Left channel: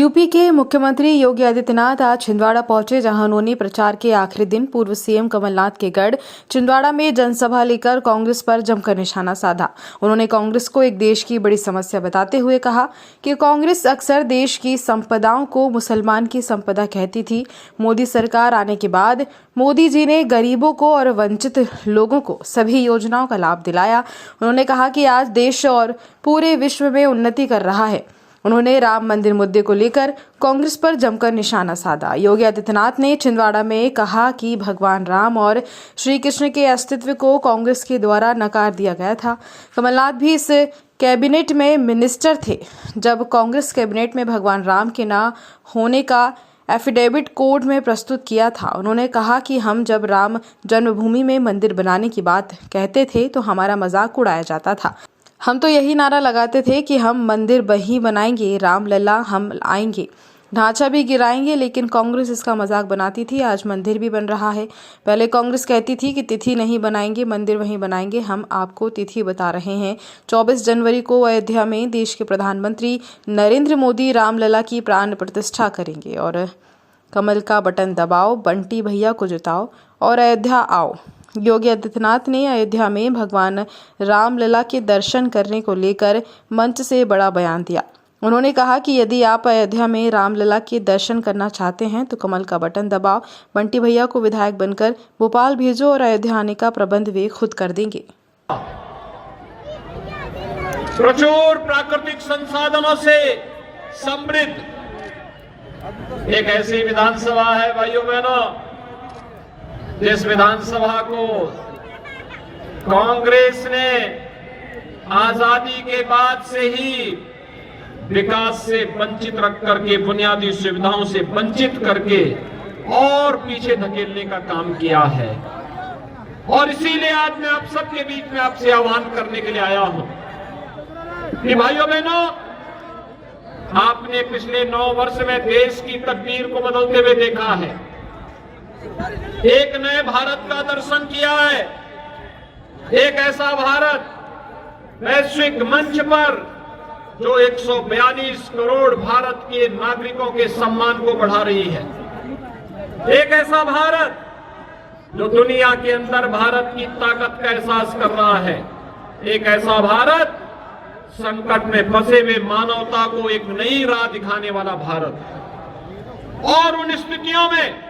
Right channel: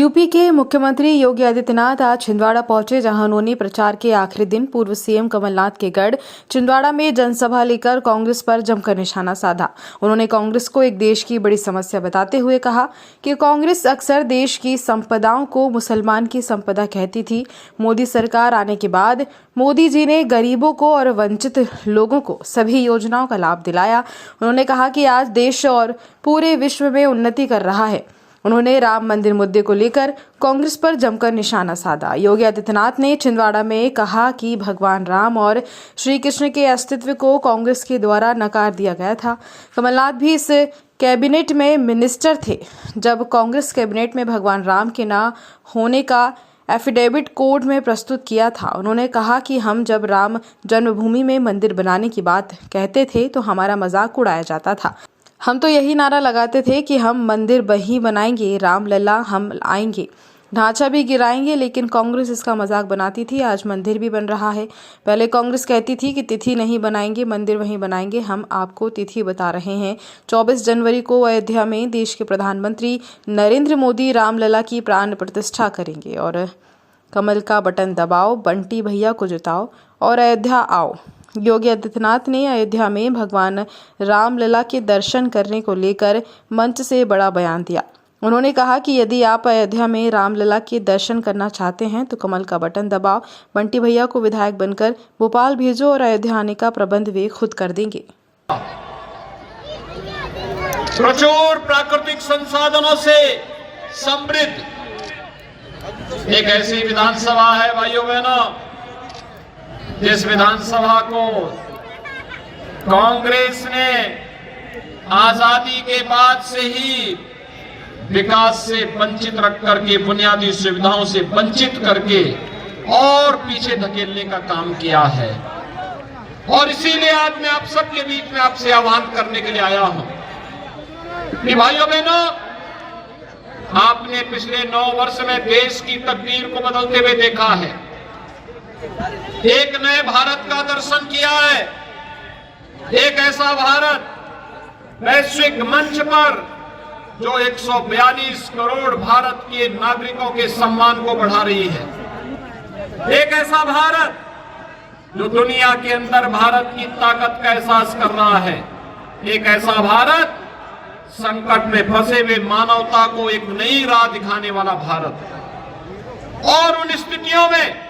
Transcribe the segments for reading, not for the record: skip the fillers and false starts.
UP के मुख्यमंत्री योगी आदित्यनाथ आज छिंदवाड़ा पहुंचे, जहां उन्होंने प्रचार के आखिरी दिन पूर्व सीएम कमलनाथ के गढ़ छिंदवाड़ा में जनसभा लेकर कांग्रेस पर जमकर निशाना साधा। उन्होंने कांग्रेस को एक देश की बड़ी समस्या बताते हुए कहा कि कांग्रेस अक्सर देश की संपदाओं को मुसलमान की संपदा कहती थी। मोदी सरकार आने के बाद मोदी जी ने गरीबों को और वंचित लोगों को सभी योजनाओं का लाभ दिलाया। उन्होंने कहा कि आज देश और पूरे विश्व में उन्नति कर रहा है। उन्होंने राम मंदिर मुद्दे को लेकर कांग्रेस पर जमकर निशाना साधा। योगी आदित्यनाथ ने छिंदवाड़ा में कहा कि भगवान राम और श्री कृष्ण के अस्तित्व को कांग्रेस के द्वारा नकार दिया गया था। कमलनाथ भी इस कैबिनेट में मिनिस्टर थे जब कांग्रेस कैबिनेट में भगवान राम के न होने का एफिडेविट कोर्ट में प्रस्तुत किया था। उन्होंने कहा कि हम जब राम जन्मभूमि में मंदिर बनाने की बात कहते थे तो हमारा मजाक उड़ाया जाता था। हम तो यही नारा लगाते थे कि हम मंदिर वहीं बनाएंगे, रामलला हम आएंगे, ढांचा भी गिराएंगे, लेकिन कांग्रेस इसका मजाक बनाती थी। आज मंदिर भी बन रहा है। पहले कांग्रेस कहती थी कि तिथि नहीं बनाएंगे, मंदिर वहीं बनाएंगे। हम आपको तिथि बता रहे हैं। 24 जनवरी को अयोध्या में देश के प्रधानमंत्री नरेंद्र मोदी रामलला की प्राण प्रतिष्ठा करेंगे और कमल का बटन दबाओ, बंटी भैया को जिताओ और अयोध्या आओ। योगी आदित्यनाथ ने अयोध्या में भगवान रामलला के दर्शन करने को लेकर मंच से बड़ा बयान दिया। उन्होंने कहा कि यदि आप अयोध्या में रामलला के दर्शन करना चाहते हैं तो कमल का बटन दबाओ, बंटी भैया को विधायक बनकर भोपाल भेजो और अयोध्या आने का प्रबंध वे खुद कर देंगे। प्रचुर प्राकृतिक संसाधनों से समृद्ध एक ऐसी विधानसभा है भाइयों बहनों, जिस विधानसभा को कांग्रेस ने आजादी के बाद से ही विकास से वंचित रख करके, बुनियादी सुविधाओं से वंचित करके और पीछे धकेलने का काम किया है। और इसीलिए आज मैं आप सबके बीच में आपसे आह्वान करने के लिए आया हूं कि भाइयों बहनों, आपने पिछले 9 वर्ष में देश की तकदीर को बदलते हुए देखा है। एक नए भारत का दर्शन किया है। एक ऐसा भारत वैश्विक मंच पर जो 142 करोड़ भारत के नागरिकों के सम्मान को बढ़ा रही है। एक ऐसा भारत जो दुनिया के अंदर भारत की ताकत का एहसास कर रहा है। एक ऐसा भारत संकट में फंसे हुए मानवता को एक नई राह दिखाने वाला भारत। और उन स्थितियों में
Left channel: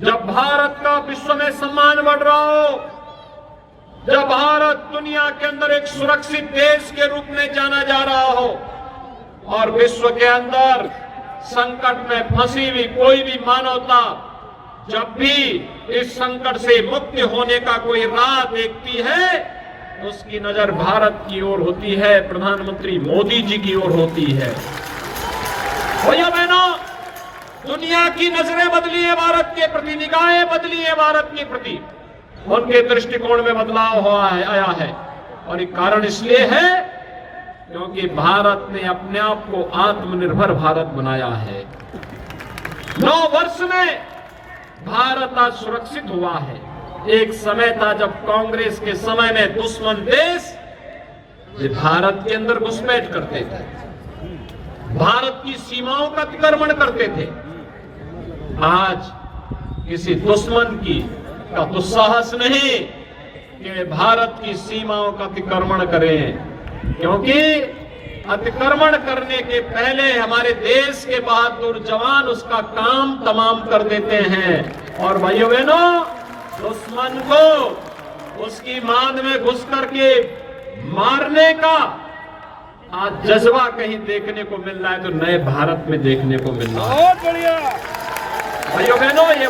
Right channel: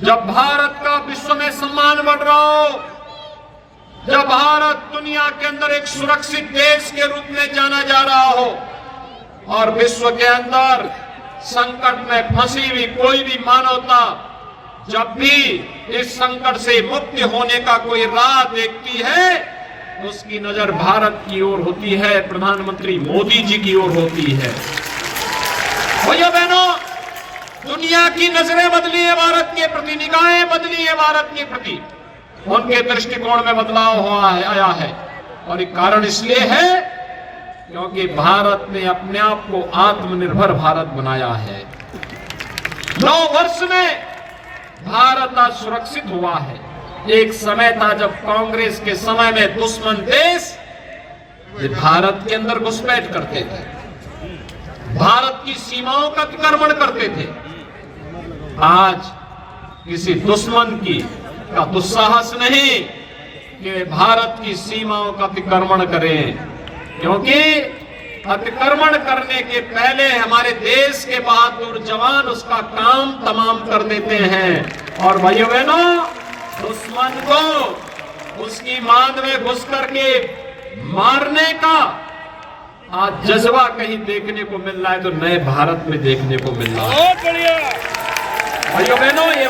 जब भारत का विश्व में सम्मान बढ़ रहा हो, जब भारत दुनिया के अंदर एक सुरक्षित देश के रूप में जाना जा रहा हो और विश्व के अंदर संकट में फंसी हुई कोई भी मानवता जब भी इस संकट से मुक्त होने का कोई राह देखती है, उसकी नजर भारत की ओर होती है, प्रधानमंत्री मोदी जी की ओर होती है। भैया बहनों, दुनिया की नजरें बदली है भारत के प्रति, निगाहें बदली है भारत के प्रति, उनके दृष्टिकोण में बदलाव आया है। और एक कारण इसलिए है क्योंकि भारत ने अपने आप को आत्मनिर्भर भारत बनाया है। 9 वर्ष में भारत आज सुरक्षित हुआ है। एक समय था जब कांग्रेस के समय में दुश्मन देश भारत के अंदर घुसपैठ करते थे, भारत की सीमाओं का अतिक्रमण करते थे। आज किसी दुश्मन का दुस्साहस नहीं कि भारत की सीमाओं का अतिक्रमण करें, क्योंकि अतिक्रमण करने के पहले हमारे देश के बहादुर जवान उसका काम तमाम कर देते हैं। और भाइयों बहनों, दुश्मन को उसकी मांद में घुस करके मारने का आज जज्बा कहीं देखने को मिल रहा है तो नए भारत में देखने को मिल रहा है। बहुत बढ़िया भाइयों बहनों, ये